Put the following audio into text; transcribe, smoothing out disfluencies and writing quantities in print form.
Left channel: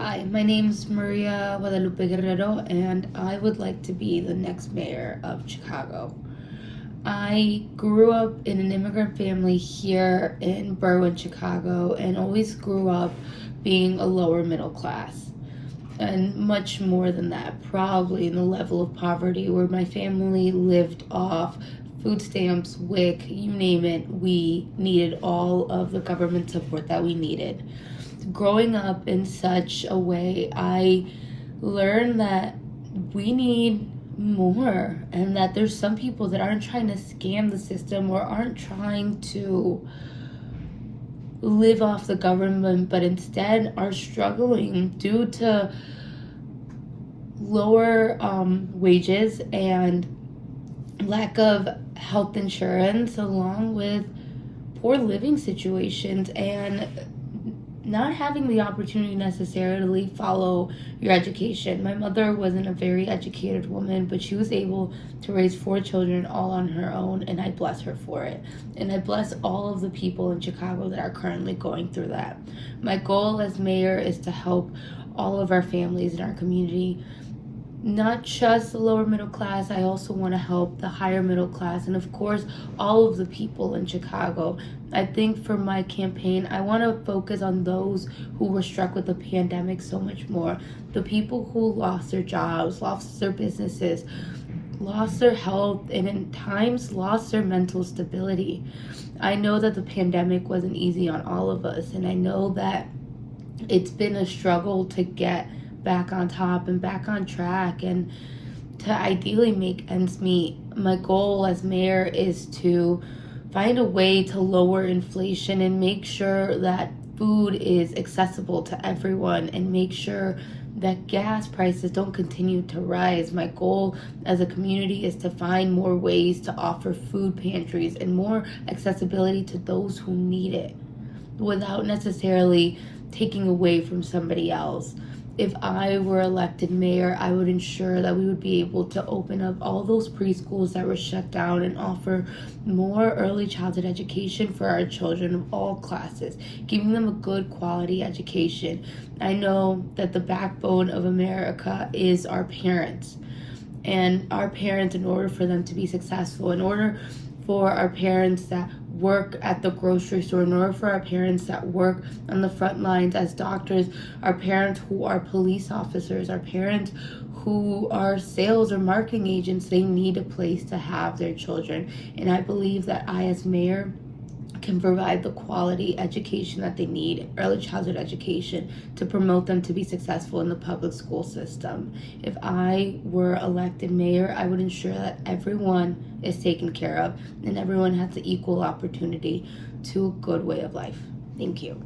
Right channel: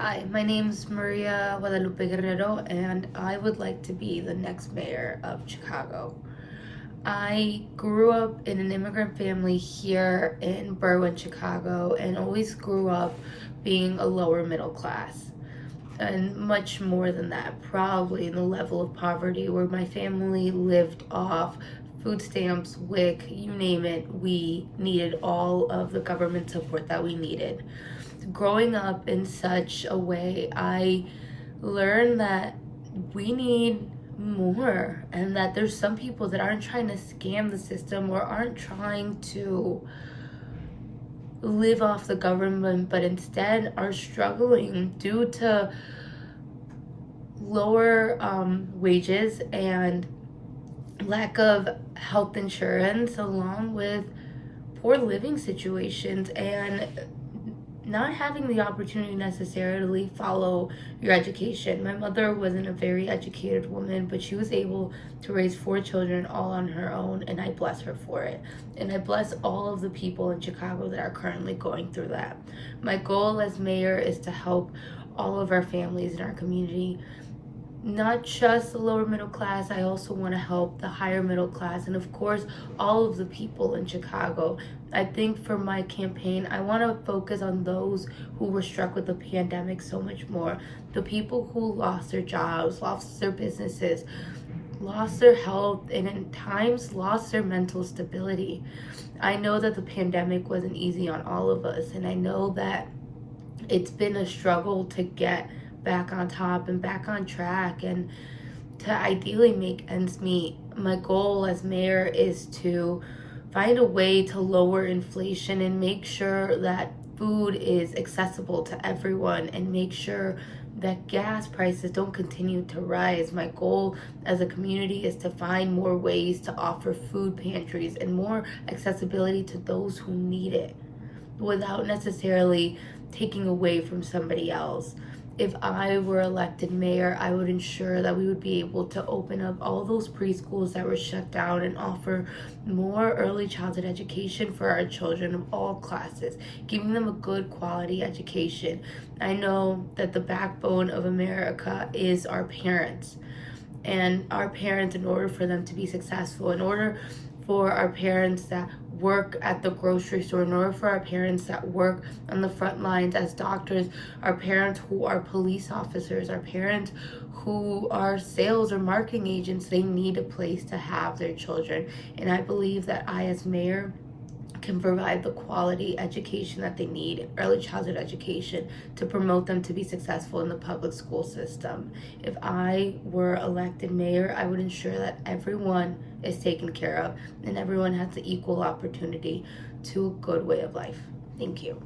Hi, my name's Maria Guerrero, and I would like to be the next mayor of Chicago. I grew up in an immigrant family here in Berwyn, Chicago, and always grew up being a lower middle class. And much more than that, probably in the level of poverty where my family lived off food stamps, WIC, you name it. We needed all of the government support that we needed. Growing up in such a way, I learned that we need more, and that there's some people that aren't trying to scam the system or aren't trying to live off the government, but instead are struggling due to lower wages and lack of health insurance, along with poor living situations and not having the opportunity necessarily follow your education. My mother wasn't a very educated woman, but she was able to raise 4 children all on her own, and I bless her for it. And I bless all of the people in Chicago that are currently going through that. My goal as mayor is to help all of our families in our community, not just the lower middle class. I also want to help the higher middle class, and of course all of the people in Chicago. I think for my campaign, I want to focus on those who were struck with the pandemic so much more. The people who lost their jobs, lost their businesses, lost their health, and in times lost their mental stability. I know that the pandemic wasn't easy on all of us, and I know that it's been a struggle to get back on top and back on track and to ideally make ends meet. My goal as mayor is to find a way to lower inflation and make sure that food is accessible to everyone, and make sure that gas prices don't continue to rise. My goal as a community is to find more ways to offer food pantries and more accessibility to those who need it without necessarily taking away from somebody else. If I were elected mayor, I would ensure that we would be able to open up all those preschools that were shut down and offer more early childhood education for our children of all classes, giving them a good quality education. I know that the backbone of America is our parents. And our parents, in order for them to be successful, in order for our parents that work at the grocery store, in order for our parents that work on the front lines as doctors, our parents who are police officers, our parents who are sales or marketing agents, they need a place to have their children. And I believe that I, as mayor, can provide the quality education that they need, early childhood education, to promote them to be successful in the public school system. If I were elected mayor, I would ensure that everyone is taken care of and everyone has the equal opportunity to a good way of life. Thank you.